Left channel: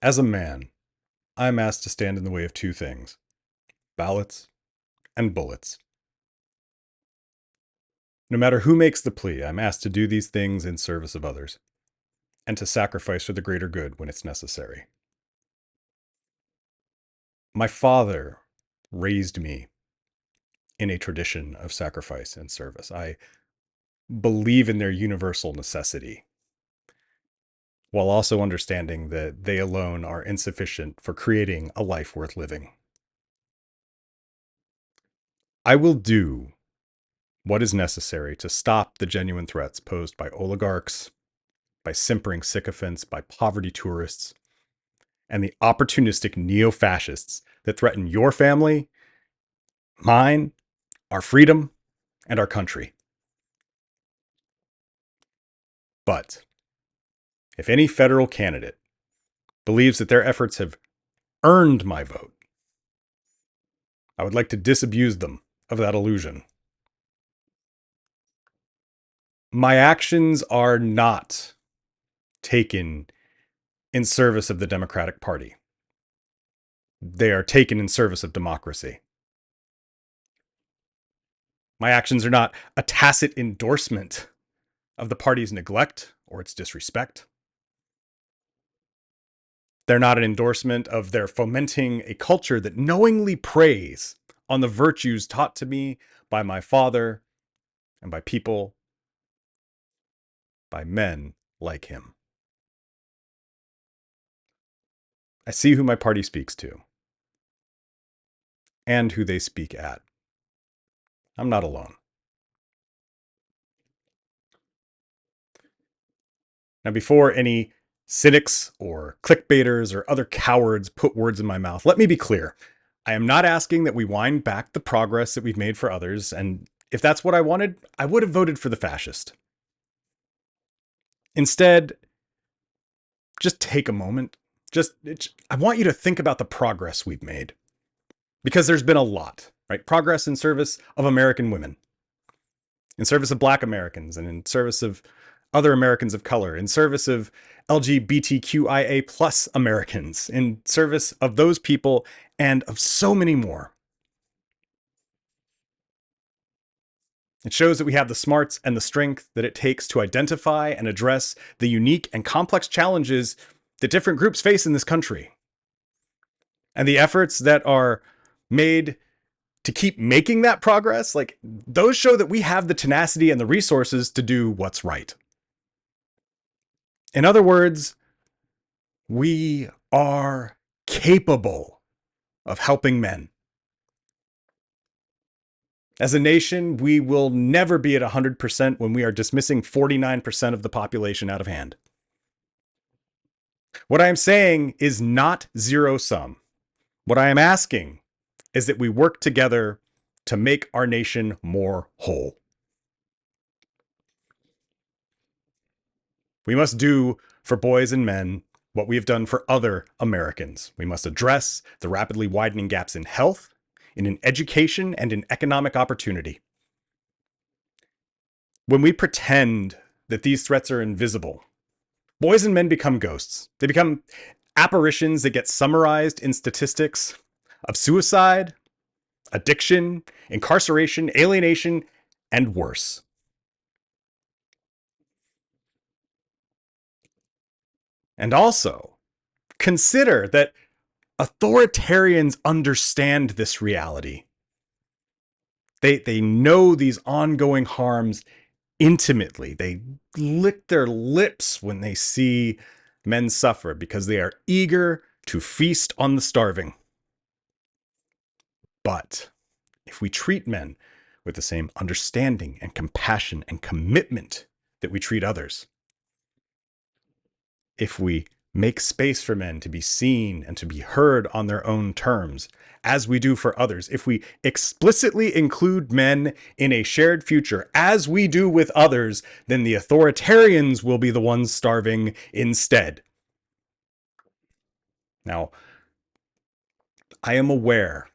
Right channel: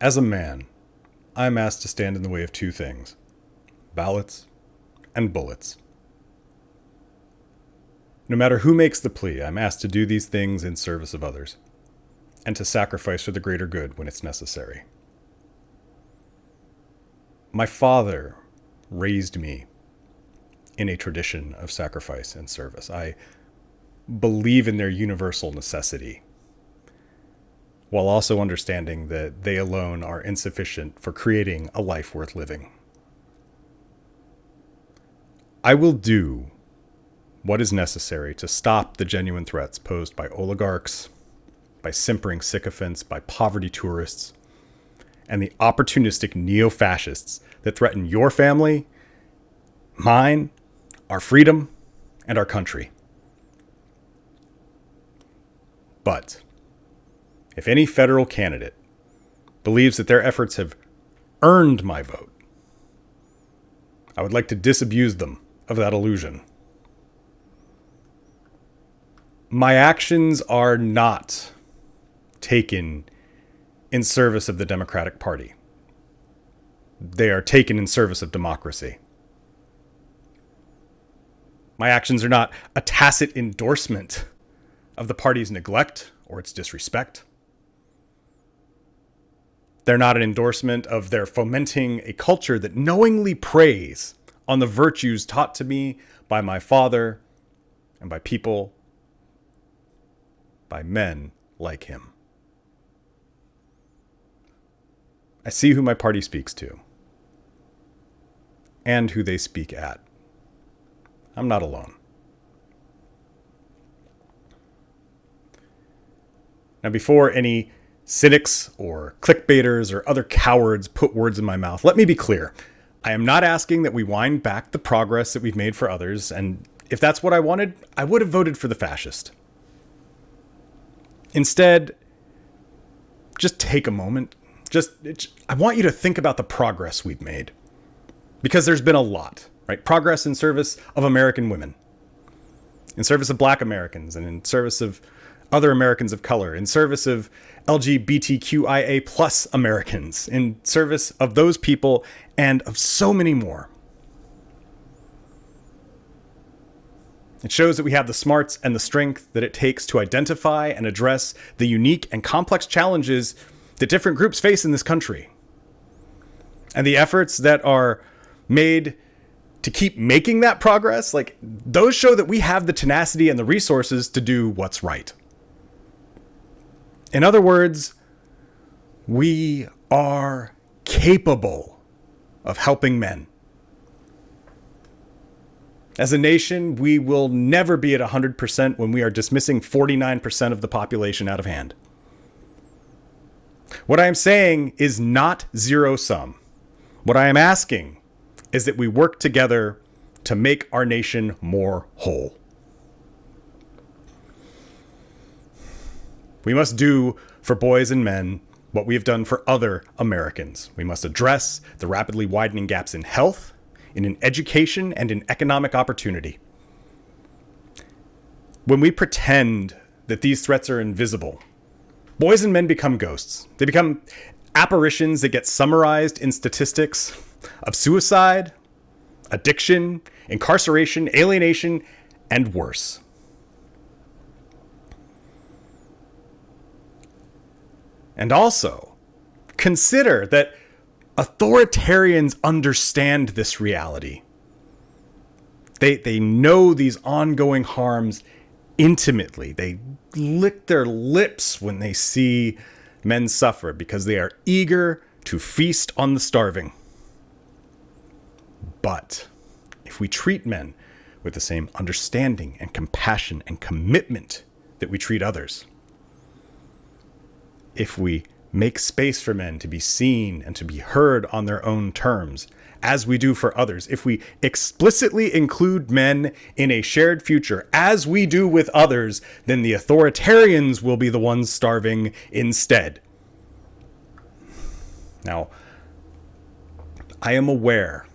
As a man, I am asked to stand in the way of two things: ballots and bullets. No matter who makes the plea, I'm asked to do these things in service of others, and to sacrifice for the greater good when it's necessary. My father raised me in a tradition of sacrifice and service. I believe in their universal necessity, while also understanding that they alone are insufficient for creating a life worth living. I will do what is necessary to stop the genuine threats posed by oligarchs, by simpering sycophants, by poverty tourists, and the opportunistic neo-fascists that threaten your family, mine, our freedom, and our country. But if any federal candidate believes that their efforts have earned my vote, I would like to disabuse them of that illusion. My actions are not taken in service of the Democratic Party. They are taken in service of democracy. My actions are not a tacit endorsement of the party's neglect or its disrespect. They're not an endorsement of their fomenting a culture that knowingly preys on the virtues taught to me by my father and by people, by men like him. I see who my party speaks to and who they speak at. I'm not alone. Now, before any cynics or clickbaiters or other cowards put words in my mouth, let me be clear. I am not asking that we wind back the progress that we've made for others, and if that's what I wanted, I would have voted for the fascist. Instead, just take a moment. I want you to think about the progress we've made, because there's been a lot, right? Progress in service of American women, in service of Black Americans, and in service of other Americans of color, in service of LGBTQIA plus Americans, in service of those people and of so many more. It shows that we have the smarts and the strength that it takes to identify and address the unique and complex challenges that different groups face in this country. And the efforts that are made to keep making that progress, like, those show that we have the tenacity and the resources to do what's right. In other words, we are capable of helping men. As a nation, we will never be at 100% when we are dismissing 49% of the population out of hand. What I am saying is not zero sum. What I am asking is that we work together to make our nation more whole. We must do for boys and men what we have done for other Americans. We must address the rapidly widening gaps in health, in education, and in economic opportunity. When we pretend that these threats are invisible, boys and men become ghosts. They become apparitions that get summarized in statistics of suicide, addiction, incarceration, alienation, and worse. And also, consider that authoritarians understand this reality. They know these ongoing harms intimately. They lick their lips when they see men suffer because they are eager to feast on the starving. But if we treat men with the same understanding and compassion and commitment that we treat others, if we make space for men to be seen and to be heard on their own terms, as we do for others, if we explicitly include men in a shared future, as we do with others, then the authoritarians will be the ones starving instead. Now, I am aware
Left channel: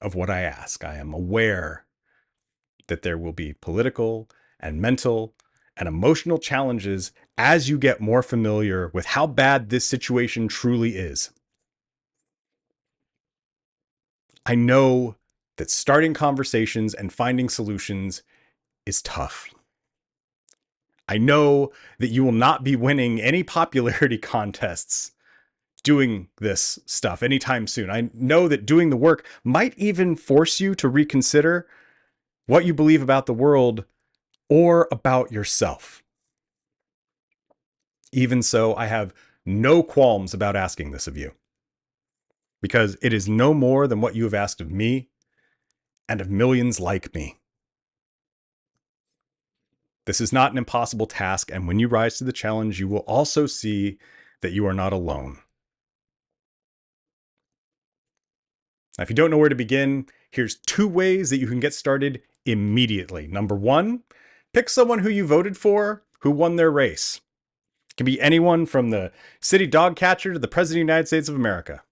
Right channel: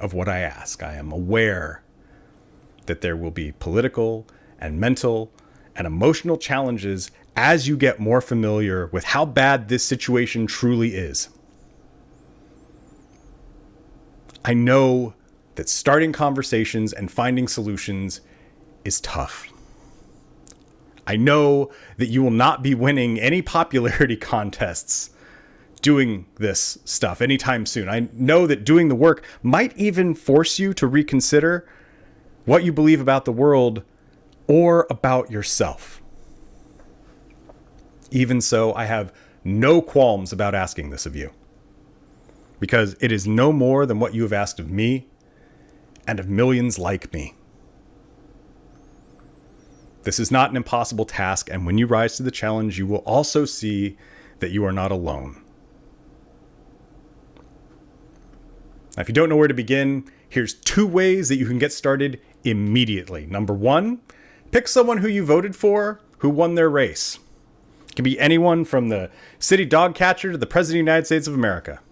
of what I ask. I am aware that there will be political and mental and emotional challenges as you get more familiar with how bad this situation truly is. I know that starting conversations and finding solutions is tough. I know that you will not be winning any popularity contests doing this stuff anytime soon. I know that doing the work might even force you to reconsider what you believe about the world or about yourself. Even so, I have no qualms about asking this of you, because it is no more than what you have asked of me and of millions like me. This is not an impossible task, and when you rise to the challenge, you will also see that you are not alone. Now, if you don't know where to begin, here's 2 ways that you can get started immediately. Number 1, pick someone who you voted for who won their race. It can be anyone from the city dog catcher to the President of the United States of America.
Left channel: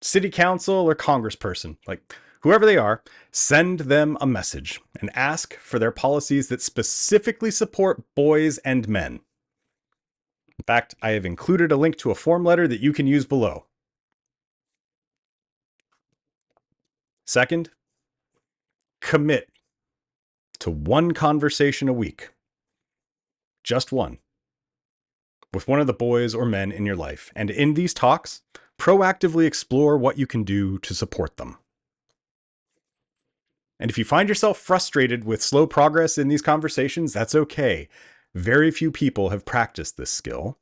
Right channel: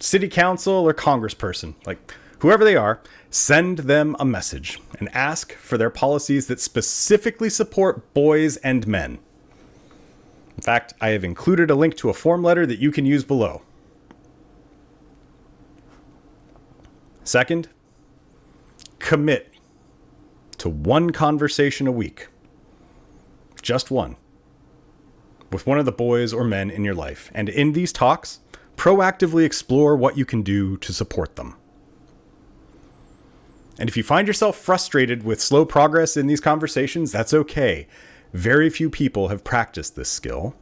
City council or congressperson, like whoever they are, send them a message and ask for their policies that specifically support boys and men. In fact, I have included a link to a form letter that you can use below. Second, commit to 1 conversation a week. Just 1. With one of the boys or men in your life. And in these talks, proactively explore what you can do to support them. And if you find yourself frustrated with slow progress in these conversations, that's okay. Very few people have practiced this skill.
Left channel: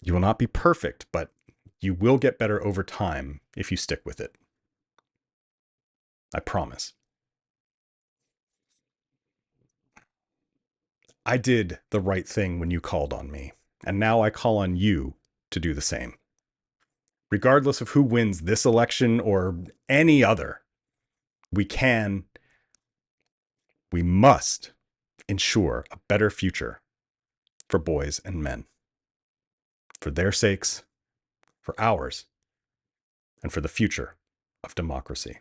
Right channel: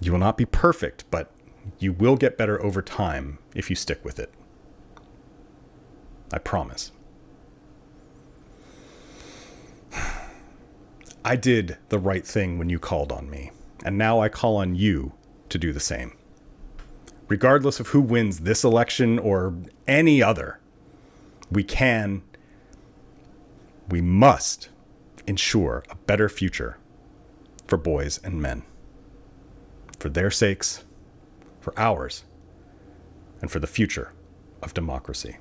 You will not be perfect, but you will get better over time if you stick with it. I promise. I did the right thing when you called on me, and now I call on you to do the same. Regardless of who wins this election or any other, we must ensure a better future for boys and men. For their sakes, for ours, and for the future of democracy.